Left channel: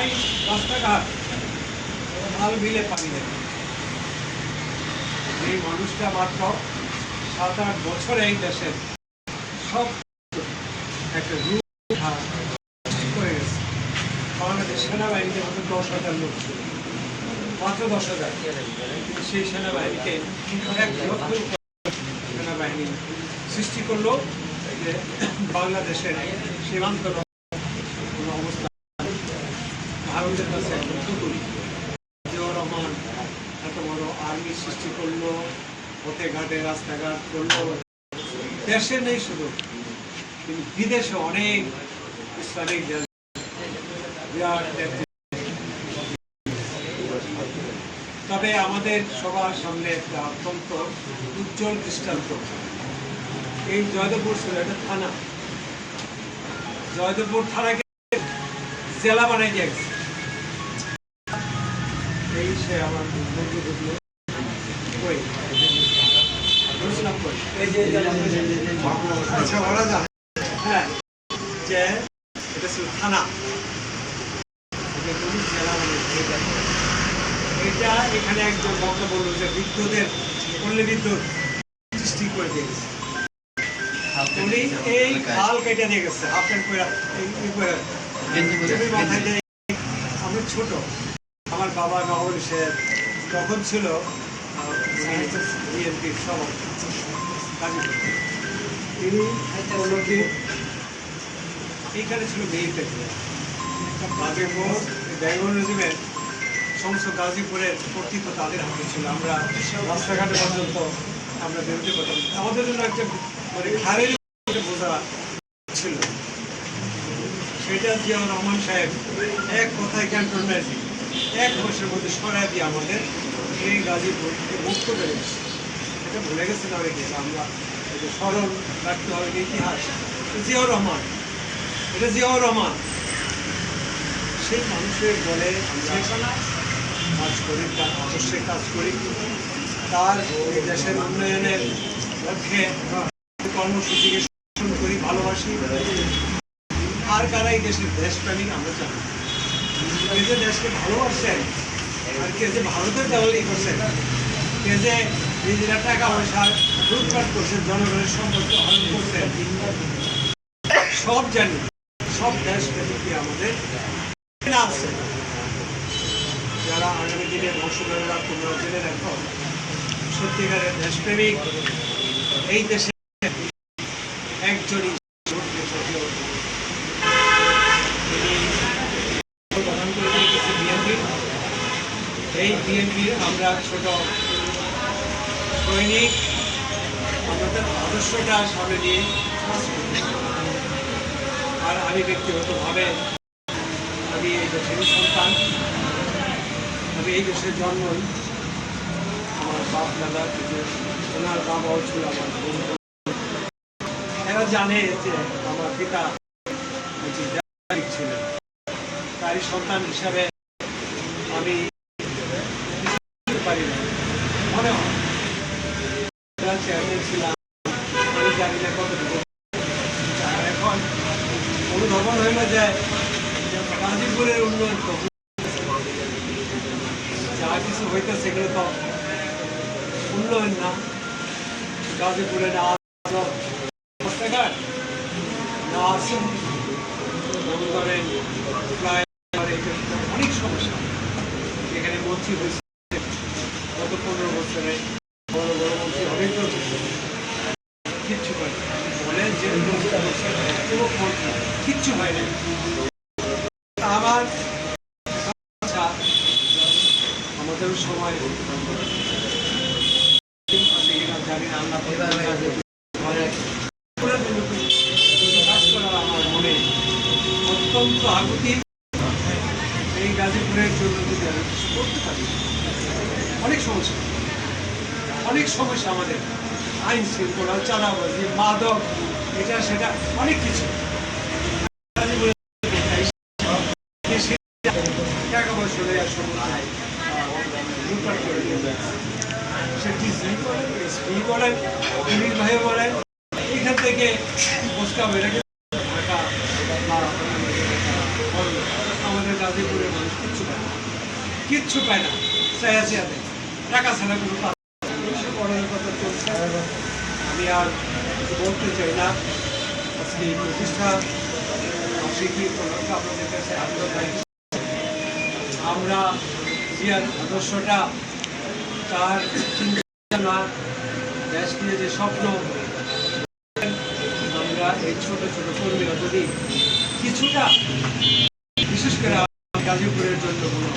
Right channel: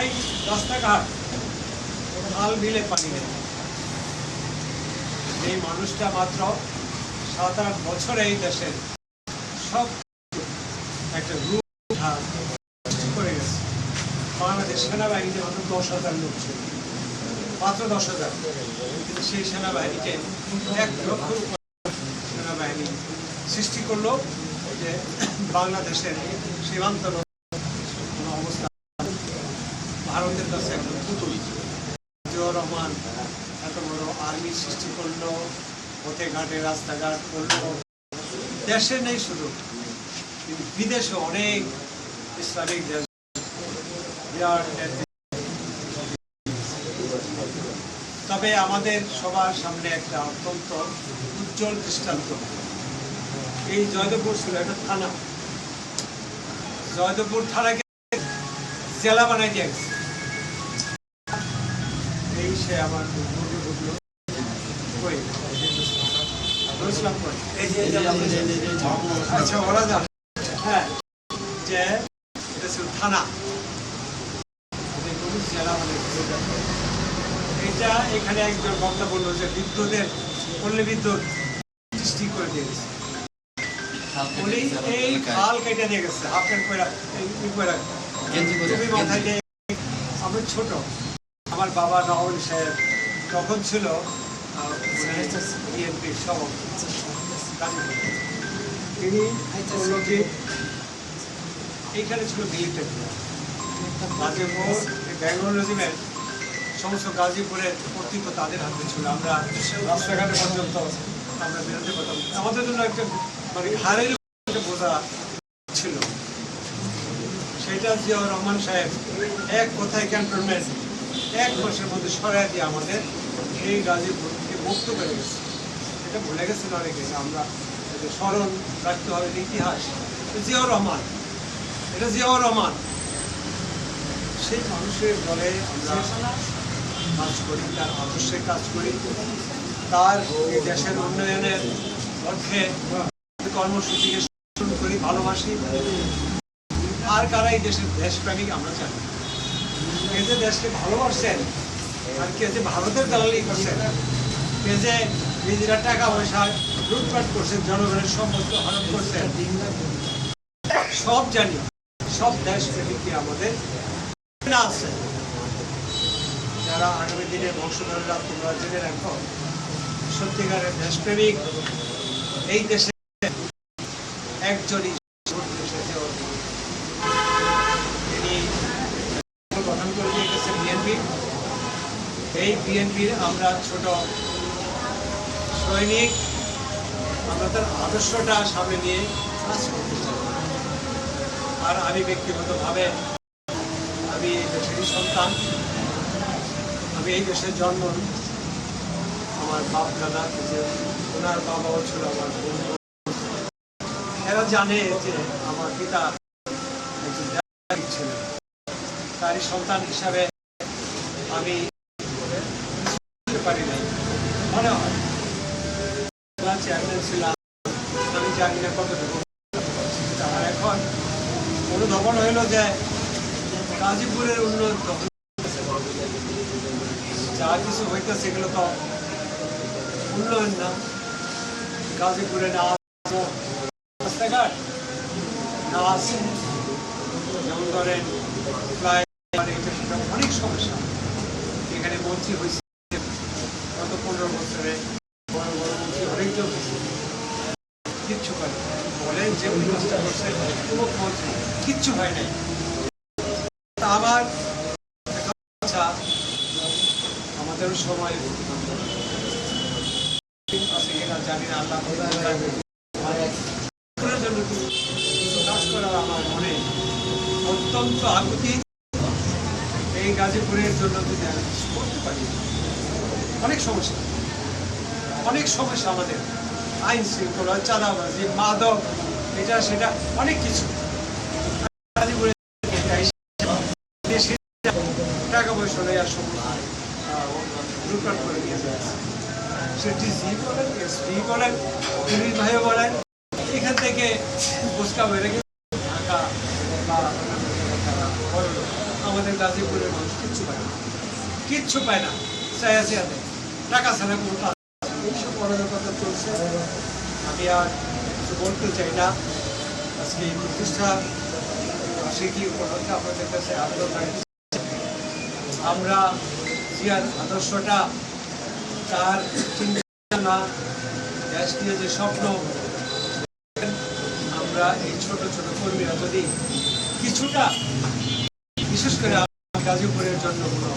নাই রাস্তাঘাট, খাল বিলে পানি নেই। এই মানুষটা মাত্র 7-8 বছরে এই দেশের সব একটা রূপ করে গেছে। বাংলাদেশ সেনাবাহিনীতে মাত্র 10,000 লোক ছিল, মাত্র 10,000। সেই সেনাবাহিনীকে 1 লক্ষ সেনাবাহিনী সৃষ্টি করলো বাংলাদেশের সীমান্ত অবস্থা। ভারতের কাছে একটা পুতুল। জিয়াউর রহমান এত বড় আর্মি সৃষ্টি করলো, পথে ঘাটে রাস্তাঘাট করলো। দেশে নেই শুধু, কিন্তু বিদেশে অনেক ইসলামিক দেশ বিরাট। তবে আমাদের সবার সামনে একটা অত্যন্ত উজ্জ্বল দৃষ্টান্ত। এই জয়দেবপুর ছিল একটা থানা, জয়দেবপুর থানাকে জেলা বানাই গেছে। এই সে আমার আচ্ছা ওরা জানে, হ্যাঁ, যে এটা ছিল থানা, জেলা এটা। এখানে একজন বক্তা বললো যে বিদ্যুতের পল্লী বিদ্যুৎ সৃষ্টি করে দিয়েছে। উনি এই খাল কেটে দিয়ে গেছে, হাফ প্যান্ট করে মাথায় দিয়ে। আমি ছোট, আমার বাবা নওয়াজ সাহেব তখন ছিল বিএনপির সভাপতি। তিনি বলল কি এইখানে ছিল মিলিটারি গাজীপুর, বেঙ্গল রেজিমেন্ট সমস্ত গাজীপুরের কর্তৃত্ব তাদের হাতে ছিল। আমরা রাস্তাঘাটে পর্যন্ত আমরা বেরোতে পারতাম। আমাদের জন্য একটা মানে ঘাড়ের বোঝা ছিল। সেটা জিয়াউর রহমান সাহেব এক কথায় ক্যান্টনমেন্ট 1 মাসের মধ্যে সরাই দিয়ে আমাদের এই গাজীপুর মুক্ত করে গেছে। এটা ভুলে গেছে না রেখে আমরা স্মরণ রাখতে হবে ইতিহাস। জিয়াউর রহমান, এটা জিয়াউর রহমান, সেই মানুষের বলে আমরা কাজ করি, তার আদর্শে কাজ করি, তার এই দেশের উন্নয়নের লক্ষ্যে কর্মসূচিকে সমর্থন করি, ভালোবাসি। আর কারা এই দেশের দেশপ্রেমিক আমরা জানি। কে যে দেশকে ভালোবাসেন আর কে যে ভারতের দালালি করছেন, কে যে নিজেরা টাকা পয়সা লুটপাট করছেন, জনগণের সম্পদকে হরণ করছেন, সব জানি। সব দেশপ্রেমিকই আমাদের আছে। যারা আগামী দিনে বংশধররা তোমরা জেনে রাখো, সত্যিকারের দেশপ্রেমিক এই দেশে একজনই গঠন করে দিয়ে গেছে বিএনপি। এই বিএনপি আমরা ছোট সৈনিক, আমাদের আদর্শটা সামনে নিয়ে কাজ করছি। আর আমি ব্যক্তিগতভাবে আমি এই দেশেরই সন্তান, আমি এই দেশের জন্ম। আমার বাপ দাদা থেকে ওনার বাবাও ছিল আমার বন্ধু। এরা জানে যে আমার পিতা ছিলেন, তাই সন্তান হিসাবে আমি পারি না। মনে হয় চেয়ারম্যান ছিলাম, আমি জানি না কতটুকু। এখন অনুধাবন হইল যে গাজীপুরের উন্নয়ন যা কিছু হইতেছে সেগুলো তো উন্নয়ন না। গাজীপুরে না রাস্তাঘাট না আছে, করেন প্রায় অনেক সমস্যা। এখানে মন্ত্রী হয়েছে গত 15 বছরে, বড় বড় মন্ত্রী অনেকজন কিচ্ছু করে বলে যে কিচ্ছু হয় নাই। আমার আমাদের সময় জানি না, আল্লাহ কাজ করা আমার মনে অত্যন্ত আকুতি। এই গাজীপুরের জন্য যদি আমি করতে পারি, অনেক সমস্যা, অনেক সমস্যা আমাদের, আইন শৃঙ্খলা, চাঁদাবাজি, মাদক, এটা সেটা অনেক কিছু। টাকা পয়সা দেয় আর সময় লুটপাট করে সে ডিসি বলেন, এসপি বলেন, পুলিশ ভাই বলেন, এখান থেকে ফুচকা বেড়ে গেছে ঢাকা বা আমাদের গাজীপুরের মানুষ কিচ্ছু পায় না, কিচ্ছু পায় না। চাইয়াতে টাকা ছাড়া কোনো কাজ পড়ানোর কথা চলছে। আমি আর বলতে চাই না। আজকে এই প্রতিষ্ঠা বার্ষিকী উপলক্ষে আপনাদের কাছে আগ্রহ, আমরা জিয়ার আদর্শটা, তার চিন্তা, দেশ নিয়ে যে স্বপ্ন, আমরা এই ছোট ছোট কর্মীরা যদি কিছুটা, বিশেষ করে গাজীপুরের জন্য কোনো